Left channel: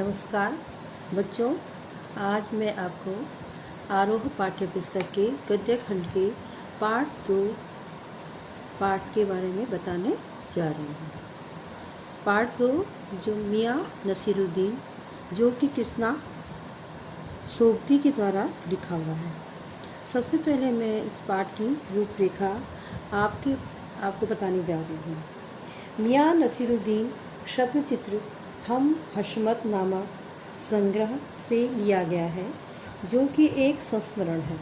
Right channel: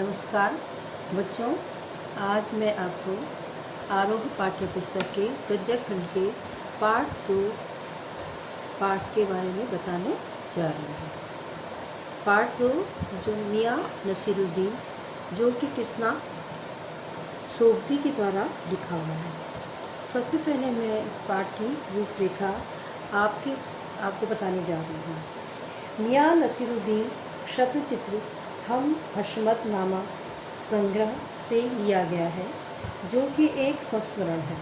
नमस्कार बच्चों, आज मैं आपको आरोह पाठ्य पुस्तक के गद्य खंड के पाठ के बारे में बताने जा रही हूँ। पाठ 2 जो मियाँ नसीरुद्दीन जो कि कृष्णा सोबती के द्वारा लिखा हुआ है। सबसे पहले मैं इस पाठ की रूपरेखा आपको बताने जा रही हूँ। मियाँ नसीरुद्दीन शतचित्र हम हशमत नामा संग्रह से लिया गया है, जो कि एक संस्मरण है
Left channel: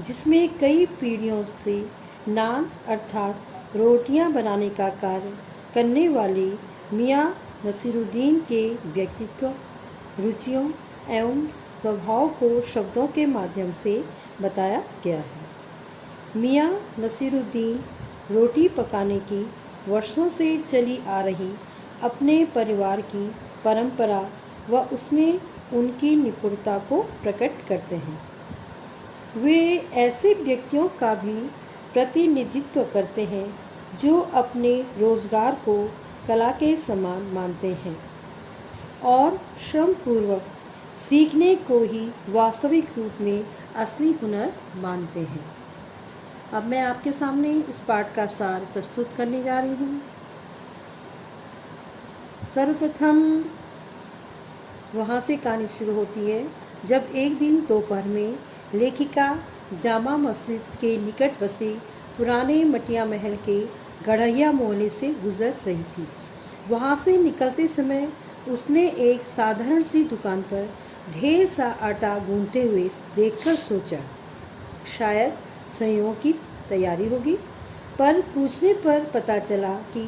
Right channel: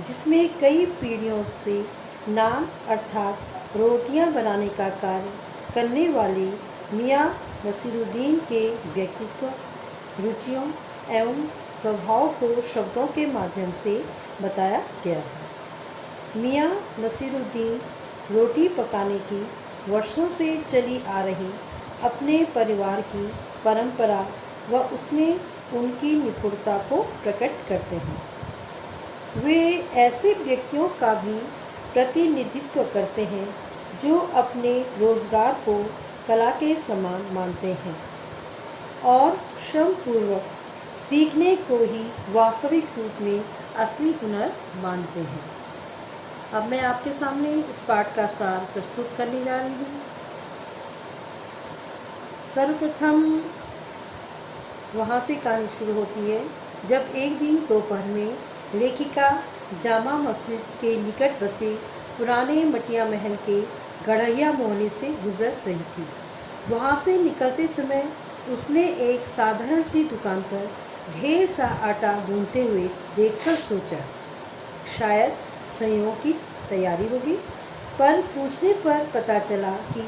जिसमें कई पीढ़ियों से नान अर्थात रोटियां बनाने का कार्य करने वाले मियाँ नसीरुद्दीन के व्यक्तित्व, रुचियों एवं स्वभाव को शब्दों के माध्यम से बताया गया है। मियाँ नसीरुद्दीन रोटी पकाने की वर्षों से चली आ रही अपने परिवार की परंपरा व उसमें उनकी निपुणता को प्रकट करते हैं। वे ऐसे व्यक्तियों का भी प्रतिनिधित्व करते हैं जो अपने रोजगार को कला के समान मानते हैं और श्रमपूर्वक सीखने को ही वास्तविक रूप में असली हुनर मानते हैं। अब मैं आपके सामने इस पाठ का सार प्रस्तुत करने जा रही हूँ। सर्वप्रथम वहाँ से कहानी शुरू होती है जब एक दिन दोपहर में लेखिका जामा मस्जिद के निकट बसे पुराने मटिया महल के गढ़ैया मोहल्ले से गुजर रही थी। वहाँ से निकलते समय उसने एक साधारण सी दुकान पर ढेर सा आटा गूंथते हुए देखकर सोचा शायद संयोग की तैयारी होगी, पर पूछने पर पता चला कि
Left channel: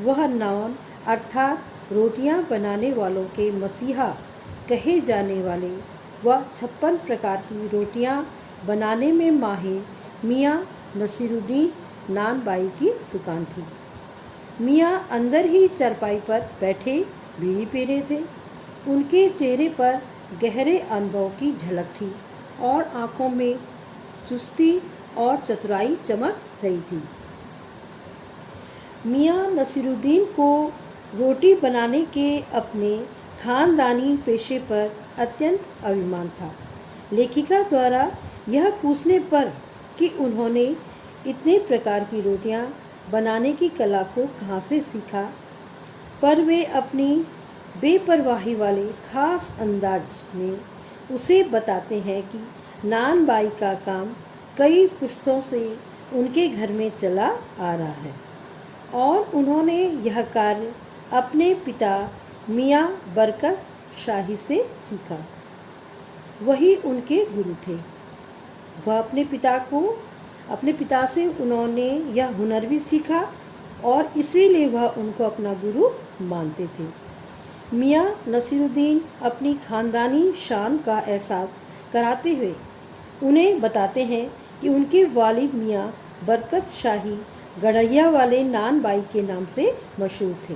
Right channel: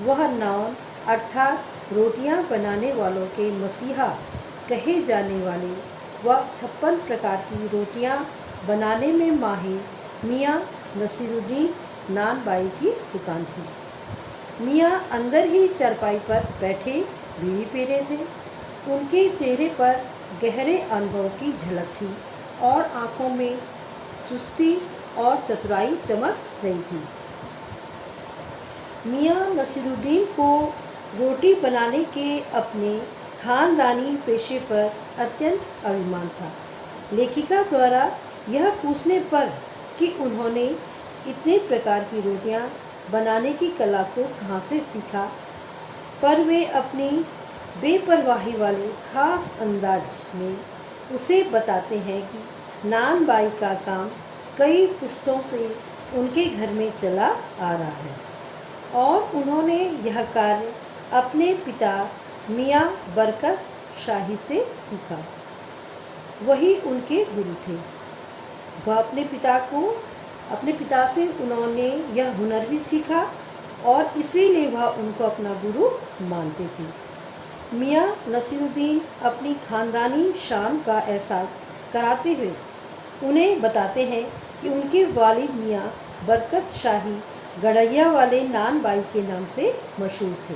वह नान अर्थात रोटियां बनाने वालों के मसीहा कहे जाने वाले व 56 प्रकार की रोटियां बनाने में माहिर मियाँ नसीरुद्दीन नान बाई की दुकान थी। मियाँ अंदर ही चारपाई पर बैठे बीड़ी पी रहे थे। उनके चेहरे पर गहरे अनुभव की झलक थी और आंखों में चुस्ती और चतुराई चमक रही थी। मियाँ नसीरुद्दीन को रोटी बनाने के अपने खानदानी पेशे पर अत्यंत अभिमान था। लेखिका द्वारा यह पूछने पर कि उन्होंने इतने प्रकार की रोटियां बनाने की कला को कहाँ से सीखा, पर वे अपनी बेपरवाही वाले खास अंदाज में उसे बताते हैं कि नान बाई का काम कई पुश्तों से उनके घर में चला आ रहा है और उन्होंने यह कार्य अपने पिता मियाँ बरकत शाही से सीखा। वही उनके गुरु थे। वह अपने पिता से उन्होंने यह हुनर भी सीखा और इसीलिए वह उनको अपना गुरु मानते थे। मियाँ नसीरुद्दीन अपनी खानदानी शान का एहसास कराते हुए उन्हें बताते हैं कि उनके वालिद मियाँ बरकत शाही गढ़ैया वाले नान बाई के नाम से मशहूर थे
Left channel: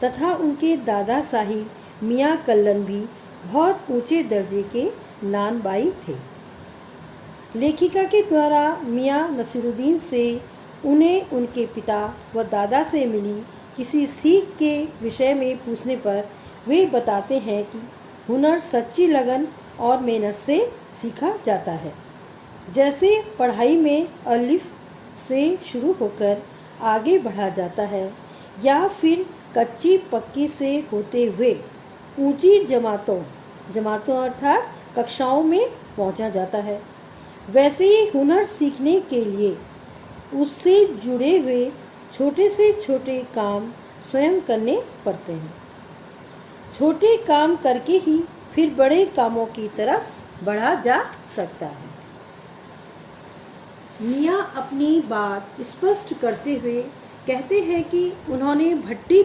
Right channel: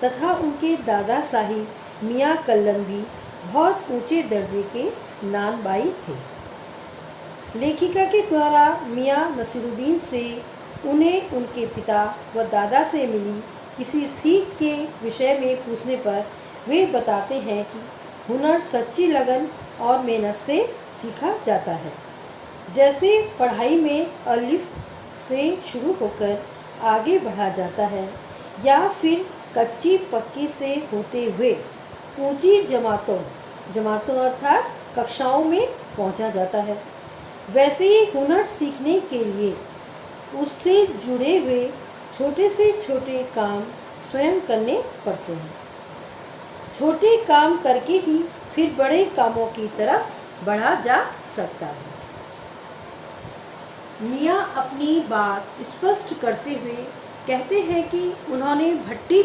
तथा उनके दादा साहिब मियाँ कल्लम भी बहुत ऊंचे दर्जे के नान बाई थे। लेखिका के द्वारा मियाँ नसीरुद्दीन से उन्हें उनके पिता व दादा से मिली किसी सीख के विषय में पूछने पर वे बताते हैं कि हुनर सच्ची लगन और मेहनत से सीखा जाता है। जैसे पढ़ाई में अलिफ से शुरू होकर आगे बढ़ा जाता है या फिर कच्ची पक्की से होते हुए ऊंची जमातों अर्थात कक्षाओं में पहुंचा जाता है, वैसे ही हुनर सीखने के लिए उससे जुड़े हुए छोटे से छोटे काम स्वयं करने पड़ते हैं। छोटे काम करके ही फिर बड़े कामों की तरफ बढ़ा जा सकता है। मियाँ अपनी बात स्पष्ट करते हुए कहते हैं कि उन्होंने भट्टी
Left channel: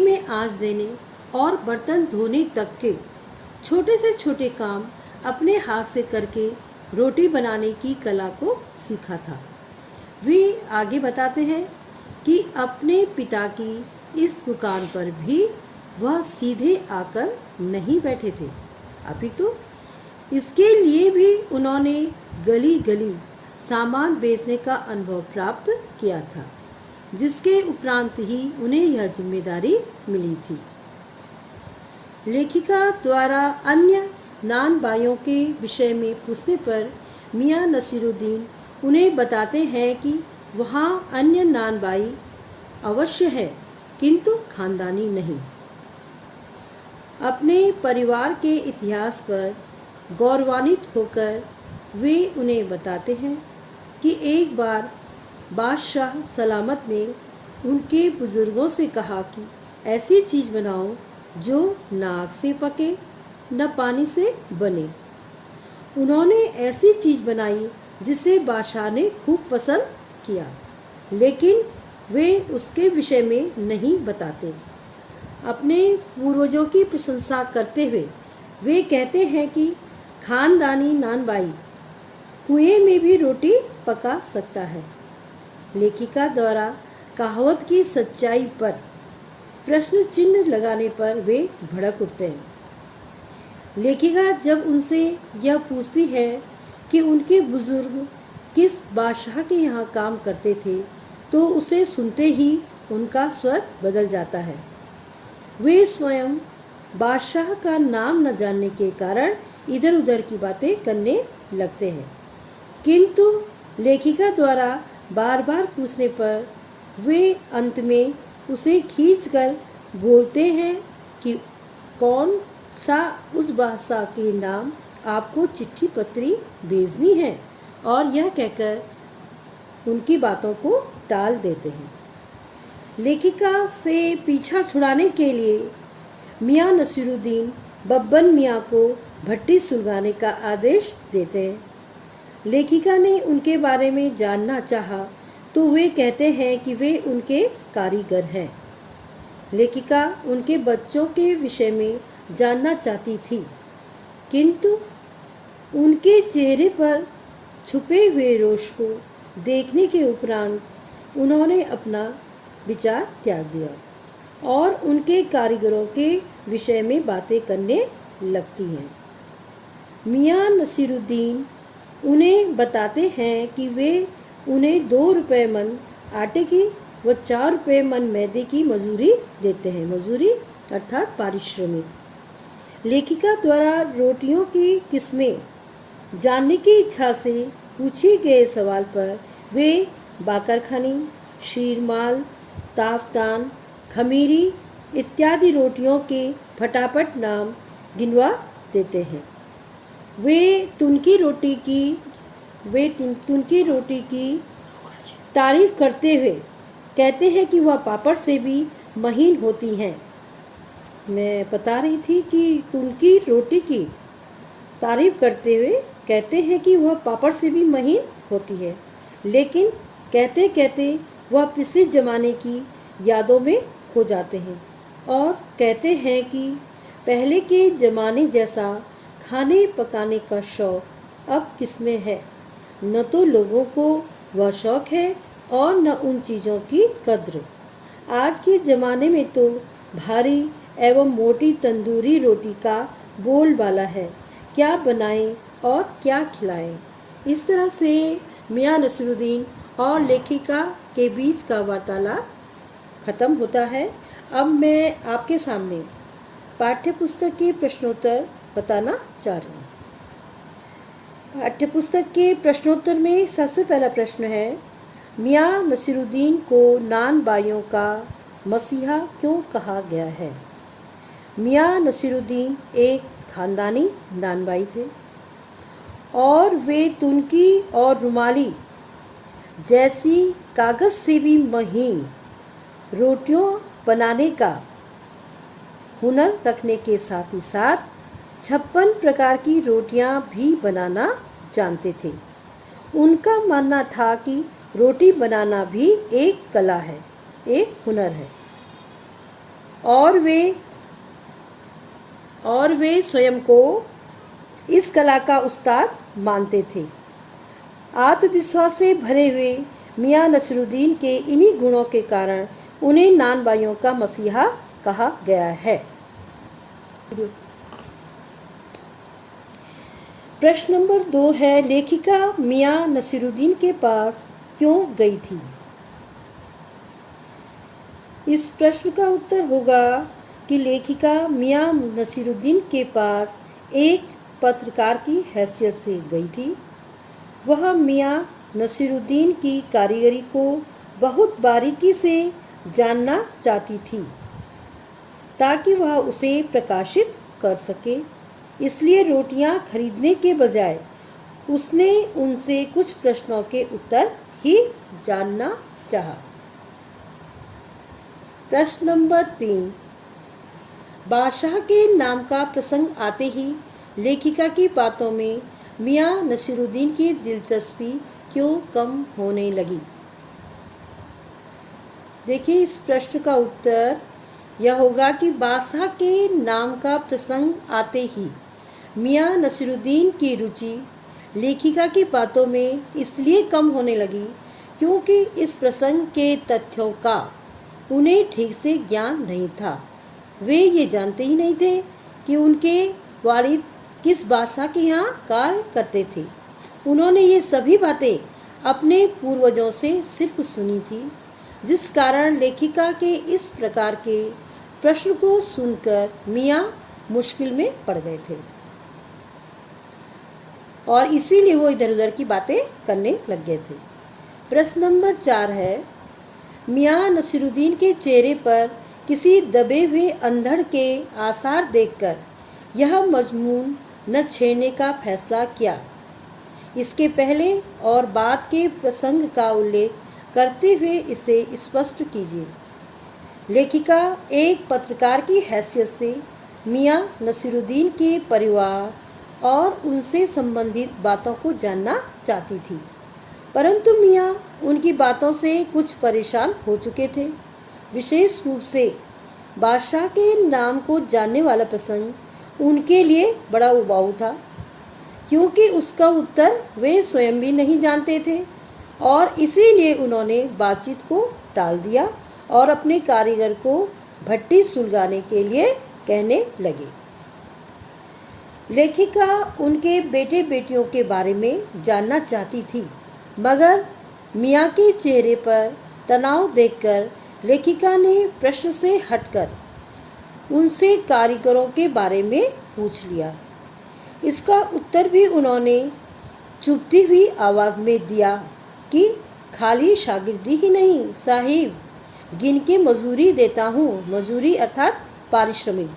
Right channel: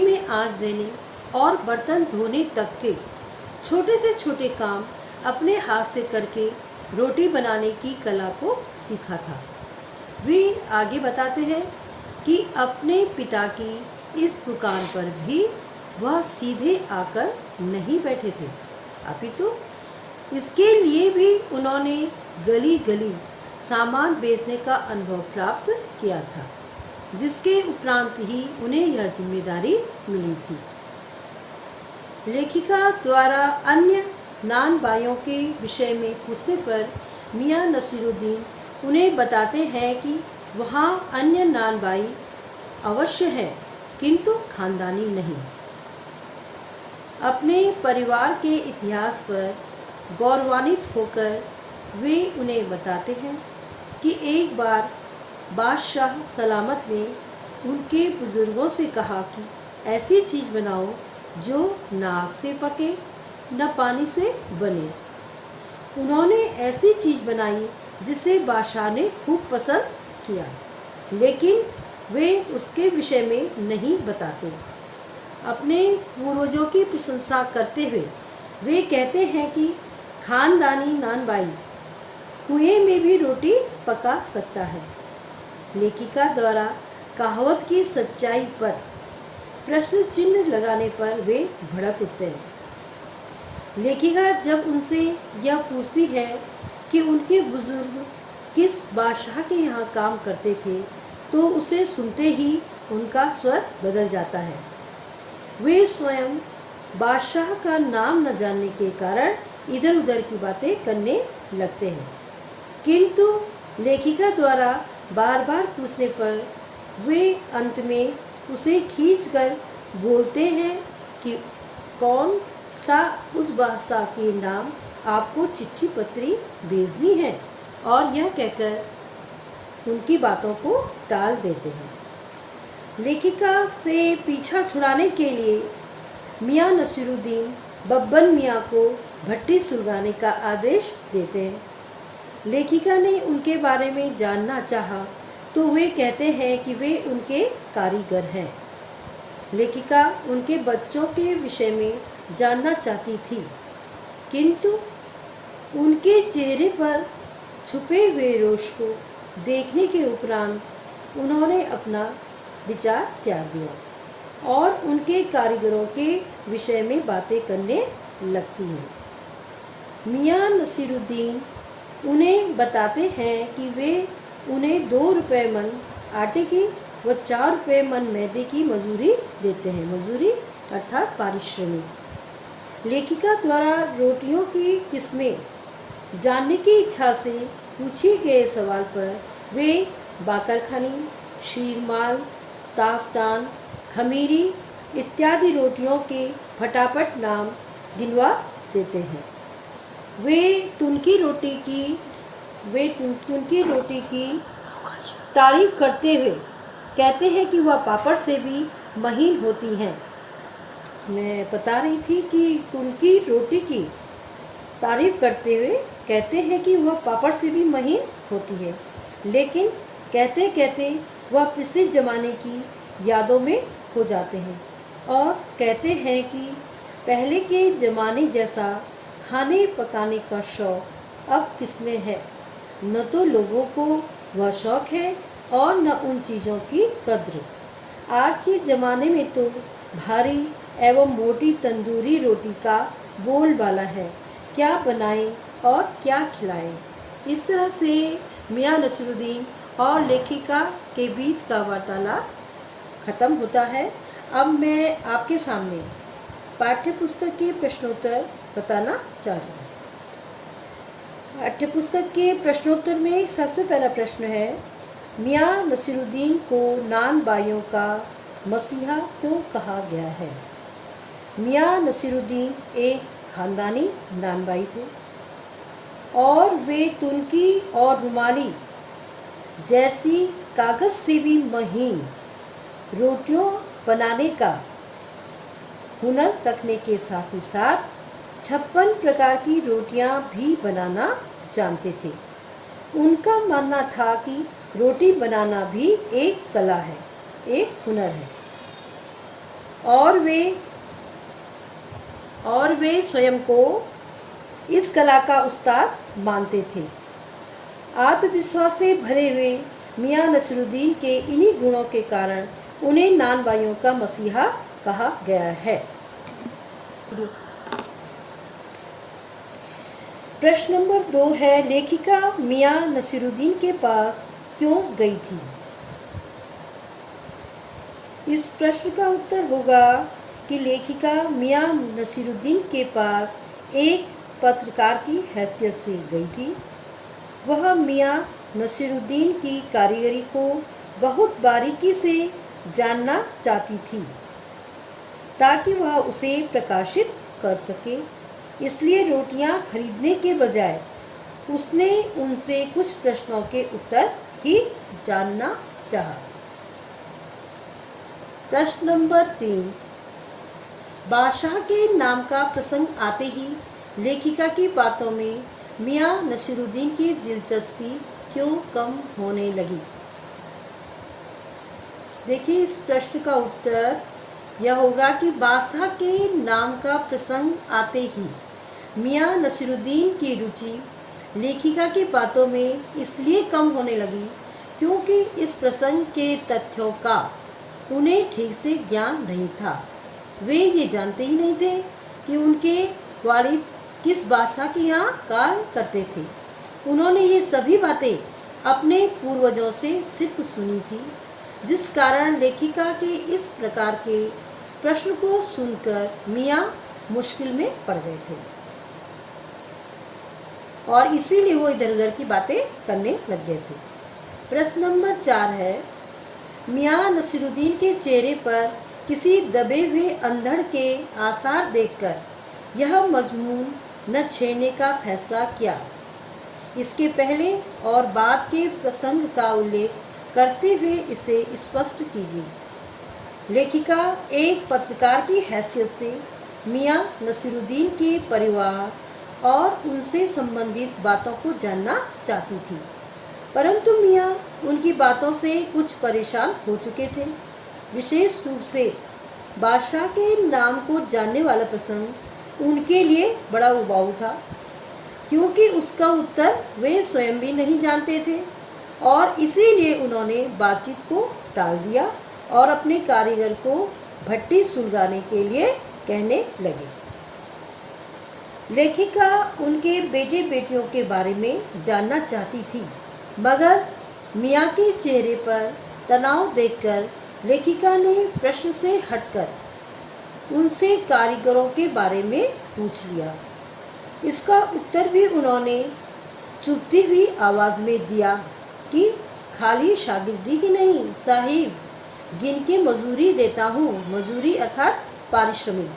में आंच देने और बर्तन धोने तक के छोटे से छोटे काम अपने हाथ से करके रोटी बनाने की कला को सीखा था। वे आगे बताते हैं कि अपने पिता की इस दुकान पर भी वह सीधे आकर नहीं बैठे थे, अपितु इसके लिए भी उन्होंने गली गली सामान बेचने का अनुभव प्राप्त किया था, जिसके उपरांत ही उन्हें यह जिम्मेदारी मिली थी। लेखिका द्वारा अन्य नान बाइयों के विषय में पूछने पर मियां नसीरुद्दीन उन्हें बताते हैं कि वहाँ अन्य नान बाई अवश्य है, किंतु खानदानी नहीं। अपने परिवार के इतिहास पर गौरवान्वित होकर वे उन्हें बताते हैं कि एक बार बादशाह सलामत ने उनके बुजुर्गों से कहा कि ऐसी चीज़ बनाओ जो न आग से पके न पानी से बने। उन्होंने ऐसी चीज़ बनाई जिसे बादशाह ने खूब पसंद किया, लेकिन वे उसके विषय में नहीं बताते। अपने पूर्वजों की प्रशंसा करते हुए वे कहते हैं कि खानदानी नान बाई कुएं में भी रोटी पका सकता है। लेखिका द्वारा कहावत की सच्चाई पर प्रश्न चिन्ह लगाने पर वे भड़क उठते हैं। लेखिका जब उनसे यह पूछती है कि उनके बुजुर्ग किस बादशाह के यहाँ काम करते थे, तो उसे सुनते ही उनका स्वर बदल जाता है। वे स्वयं बादशाह का नाम न जानने के कारण इधर उधर की बातें करने लगते हैं, किंतु लेखिका द्वारा बार बार पूछने पर वे अंत में उसे खींचकर बोलते हैं कि कौन सा उस बादशाह के नाम आपको चिट्ठी पत्री भेजनी है, और यह कहकर उनकी बातों को टाल देते हैं। लेखिका से पीछा छुड़ाने के लिए मियां नसीरुद्दीन बब्बन मियां को भट्टी सुलगाने का आदेश देते हैं। लेखिका ने उनके बारे में जानना चाहा तो वे कहते हैं कि वे उनके कारीगर हैं। लेखिका उनके बच्चों के विषय में जानना चाहती थी, किंतु उनके चेहरे पर छुपे हुए रोष को देखने के उपरांत उन्होंने अपना विचार त्याग दिया और उनके कारीगरों के विषय में बातें करने लगती हैं। मियां नसीरुद्दीन उन्हें बताते हैं कि वे उन्हें 2 रुपए मन आटे की व 4 रुपए मन मैदे की मजूरी देते हैं। मजूरी अर्थात पारिश्रमिक। लेखिका द्वारा रोटियों की किस्में जानने की इच्छा से पूछे गए सवाल पर वे बाकरखानी, शीरमाल, ताफतान, खमीरी इत्यादि रोटियों के फटाफट नाम गिनवा देते हैं। वे तुनकी रोटी की तारीफ करते हुए कहते हैं कि वह पापड़ से भी महीन होती हैं। मैं बता रही थी कि तुनकी रोटी की तारीफ करते हुए कहते हैं कि वह पापड़ से भी महीन होती है, लेकिन कहते कहते वह पिछले ज़माने की यादों में खो जाते हैं और कहते हैं कि पहले के ज़माने जैसा खाने पकाने का शौक़ अब किसमें है। न तो लोगों को वह शौक़ है और न उन चीज़ों की कद्र। आज के ज़माने में तो भारी एवं मोटी तंदूरी रोटी का बोलबाला है, क्या बनाएं और क्या खिलाएं। इस तरह से मियां नसीरुद्दीन और लेखिका के बीच का वार्तालाप खत्म होता है। अब मैं आपके सामने पाठ्यपुस्तक के प्रश्नोत्तर बताना चाह रही हूँ। पाठ्यपुस्तक के प्रश्नोत्तर में सबसे पहला प्रश्न है, मियां नसीरुद्दीन को नान बाइयों का मसीहा क्यों कहा गया है। मियां नसीरुद्दीन एक खानदानी नान बाई थे और वे तुनकी और रुमाली जैसी कागज से भी महीन रोटियों बनाने का हुनर रखने के साथ ही साथ 56 प्रकार की रोटियां भी बनाना जानते थे। उनका मानना था कि रोटी बनाना भी एक कला है, एक हुनर है, और वे स्वयं को इस कला का उस्ताद मानते थे। आत्मविश्वास से भरे हुए मियां नसीरुद्दीन के इन्हीं गुणों के कारण उन्हें नान बाइयों का मसीहा कहा गया है। प्रश्न नंबर 2 है, लेखिका मियां नसीरुद्दीन के पास क्यों गई थी। इस प्रश्न का उत्तर होगा कि लेखिका मियां नसीरुद्दीन के पास एक पत्रकार की हैसियत से गई थी। वह मियां नसीरुद्दीन की कारीगरी को बहुत बारीकी से जानना चाहती थी ताकि वह उसे प्रकाशित कर सके। इसलिए रोटियां खरीदने के बजाय उसने उनसे कुछ प्रश्नों के उत्तर ही जानना चाहा। प्रश्न नंबर 3। बादशाह के नाम का प्रसंग आते ही लेखिका की बातों में मियां नसीरुद्दीन की दिलचस्पी क्यों कम होने लगी? देखिए, इस प्रश्न का उत्तर यह होगा कि बादशाह के नाम का प्रसंग आते ही मियां नसीरुद्दीन की रुचि लेखिका की बातों में इसलिए कम होने लगी क्योंकि इस प्रसंग के तथ्यों का उन्हें ठीक से ज्ञान नहीं था। वे ये जानते ही नहीं थे कि उनके वालिद किस बादशाह के यहाँ कार्य करते थे। उन्होंने ये सभी बातें अपने पूर्वजों से सिर्फ सुनी थी, जिस कारण लेखिका के इस प्रकार के प्रश्न को सुनकर मियां मुश्किल में पड़ गए थे और इसीलिए वो इधर उधर की बातें करने लग गए थे। प्रश्न नंबर 4 है, मियां नसीरुद्दीन के चेहरे पर किसी दबे हुए अंधड़ के आसार देखकर यह मजमून न छेड़ने का फैसला किया। इसके पहले और बाद के प्रसंग का उल्लेख करते हुए इसे स्पष्ट कीजिए। लेखिका एक पत्रकार की हैसियत से मियां नसीरुद्दीन के परिवार और उनसे संबंधित बातों को जानना चाहती थी, परंतु मियां उनकी बातों से कुछ परेशान हो चुके थे। विशेष रूप से बादशाह के नाम को जानने वाला प्रसंग उनके लिए बड़ा उबाऊ था, क्योंकि उसका उत्तर वे स्वयं भी नहीं जानते थे और इसीलिए उन्होंने बातचीत को टाल दिया और अपने कारीगर को भट्टी सुलगाने के लिए कहने लगे। लेखिका उनके बेटे बेटियों के बारे में जानना चाहती थी, मगर मियां के चेहरे पर तनाव देखकर लेखिका ने प्रश्न से हटकर उनसे कारीगरों के बारे में पूछ लिया। इसका उत्तर भी उन्होंने चुभती हुई आवाज में दिया कि खाली शागिर्दी ही नहीं साहिब, गिन के मजूरी देता हूँ। मजूरी अर्थात पारिश्रमिक।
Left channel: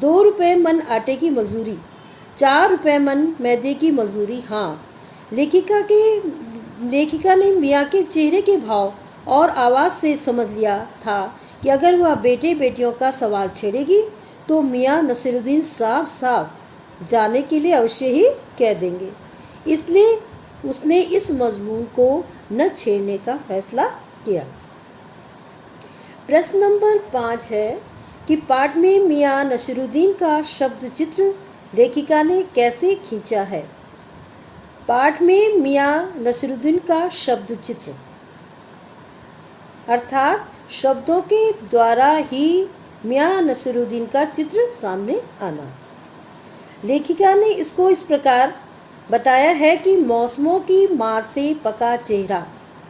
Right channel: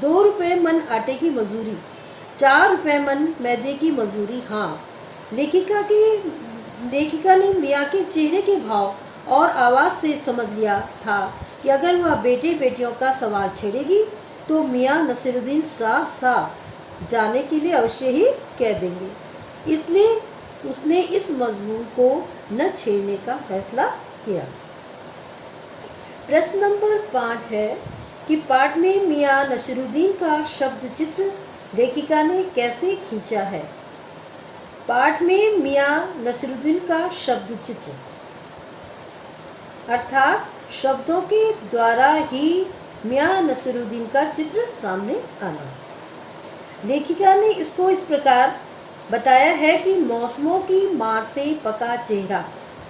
2 रुपए मन आटे की मजूरी, 4 रुपए मन मैदे की मजूरी। हाँ, लेखिका ने मियाँ के चेहरे के भाव और आवाज से समझ लिया था कि अगर वह बेटे बेटियों का सवाल छेड़ेगी तो मियाँ नसीरुद्दीन साफ साफ जाने के लिए अवश्य ही कह देंगे। इसलिए उसने इस मजमून को न छेड़ने का फैसला किया। प्रश्न नंबर 5 है कि पाठ में मियां नसीरुद्दीन का शब्द चित्र लेखिका ने कैसे खींचा है? पाठ में मियां नसीरुद्दीन का शब्द चित्र अर्थात शब्दों के द्वारा ही मियां नसीरुद्दीन का चित्र सामने आना। लेखिका ने इसको इस प्रकार बताया है कि मौसमों की मार से पका चेहरा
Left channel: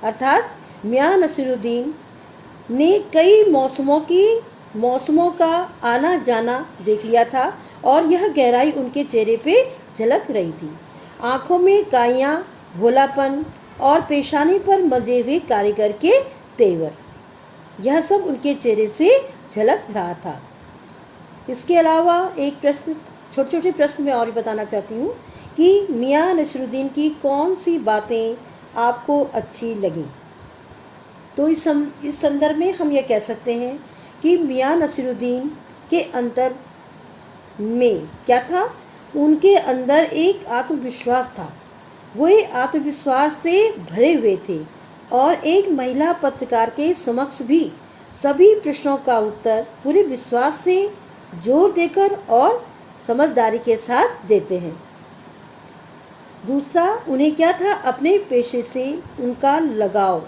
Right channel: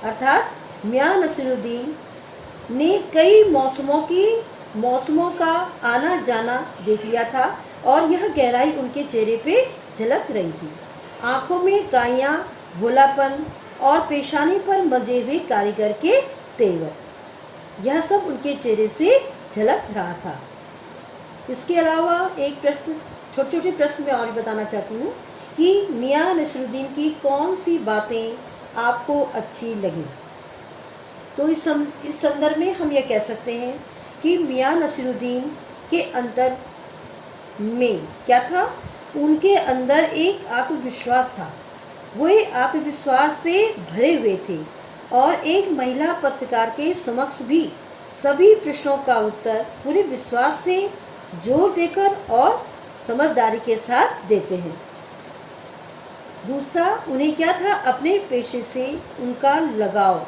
अर्थात मियां नसीरुद्दीन ने कई मौसमों का आना जाना देख लिया था और यह गहराई उनके चेहरे पे झलक रही थी। आंखों में काइयां, भोलापन और पेशानी पर मजे हुए कारीगर के तेवर, यह सब उनके चेहरे से झलक रहा था। इसके अलावा एक प्रश्न, छोटे छोटे प्रश्न मैं और भी बताना चाहती हूँ कि मियां नसीरुद्दीन की कौन सी बातें आपको अच्छी लगी। तो इस संदर्भ में हम ये कह सकते हैं कि मियां नसीरुद्दीन के अंतर में क्या था? उनके अंदर एक आत्मविश्वास था। वो आत्मविश्वास से भरे हुए थे और एक महिला पत्रकार के समक्ष भी सभी प्रश्नों का उत्तर पूरे विश्वास से जोर देकर और समझदारी के साथ देते हैं। दूसरा, उन्हें क्या था? अपने पेशे से उनका लगाव,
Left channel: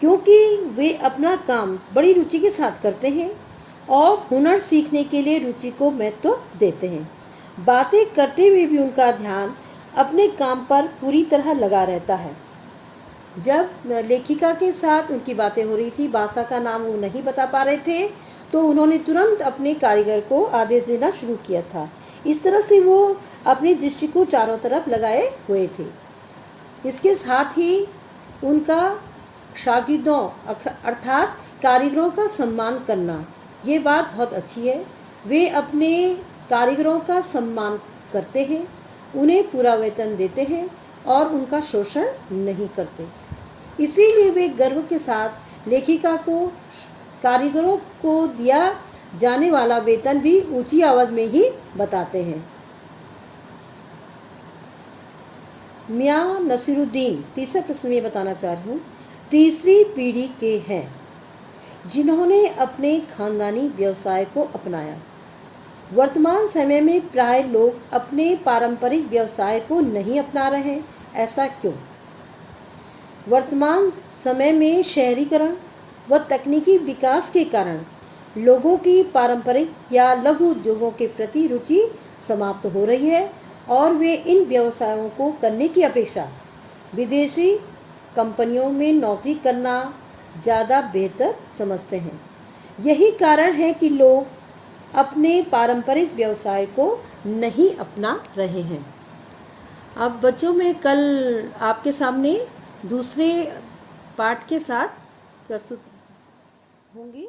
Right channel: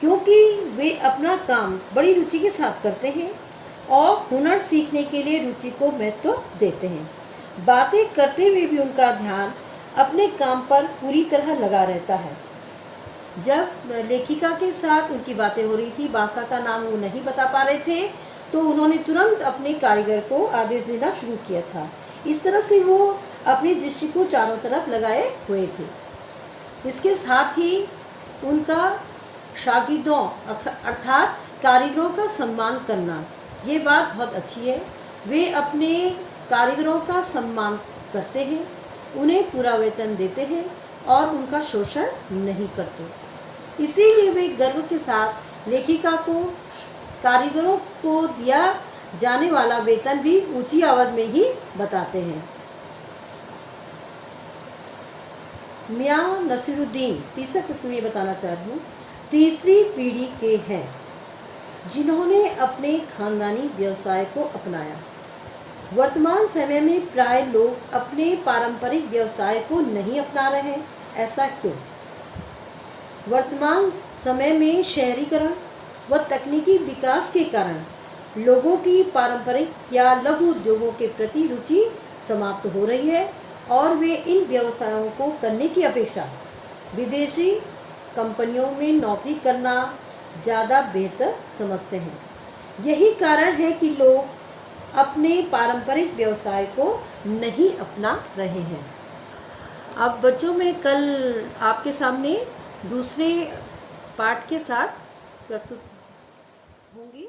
क्योंकि वे अपना काम बड़ी रुचि के साथ करते हैं और हुनर सीखने के लिए रुचि को महत्व देते हैं। बातें करते हुए भी उनका ध्यान अपने काम पर पूरी तरह लगा रहता है। जब लेखिका के साथ उनकी बातें हो रही थी, बादशाह का नाम वो नहीं बता पा रहे थे तो उन्होंने तुरंत अपने कारीगर को आदेश देना शुरू किया था। इस तरह से वो अपनी दृष्टि को चारों तरफ लगाए हुए थे। इसके साथ ही उनका शागिर्दों अर्थात कारीगरों का सम्मान करना, ये बात बहुत अच्छी है। वे अपने कारीगरों का सम्मान करते हैं, उन्हें पूरा वेतन देते हैं और उनका शोषण नहीं करते। इसीलिए वे गर्व के साथ लेखिका को कारीगरों को दिया जाने वाला वेतन भी ऊंची आवाज में ही बताते हैं। मियां नसीरुद्दीन तीसरा प्रश्न में बताना चाहती हूँ, तीसरी पीढ़ी के हैं जिन्होंने अपने खानदानी व्यवसाय को अपनाया। वर्तमान समय में प्राय लोग अपने पारंपरिक व्यवसाय को नहीं अपना रहे हैं, ऐसा क्यों? वर्तमान समय में शहरीकरण व तकनीकी विकास के कारण लोगों की पारंपरिक या लघु उद्योगों के प्रति रुचि समाप्त हो रही है और वे इन व्यवसायों को करने की अपेक्षा विदेशी कंपनियों में नौकरी करना ज़्यादा बेहतर समझते हैं। यही कारण है कि लोग अपने पारंपरिक व्यवसाय को नहीं अपना रहे हैं। अब बच्चों, मैं कल आपके सामने दूसरे पाठ के साथ प्रस्तुत होंगी।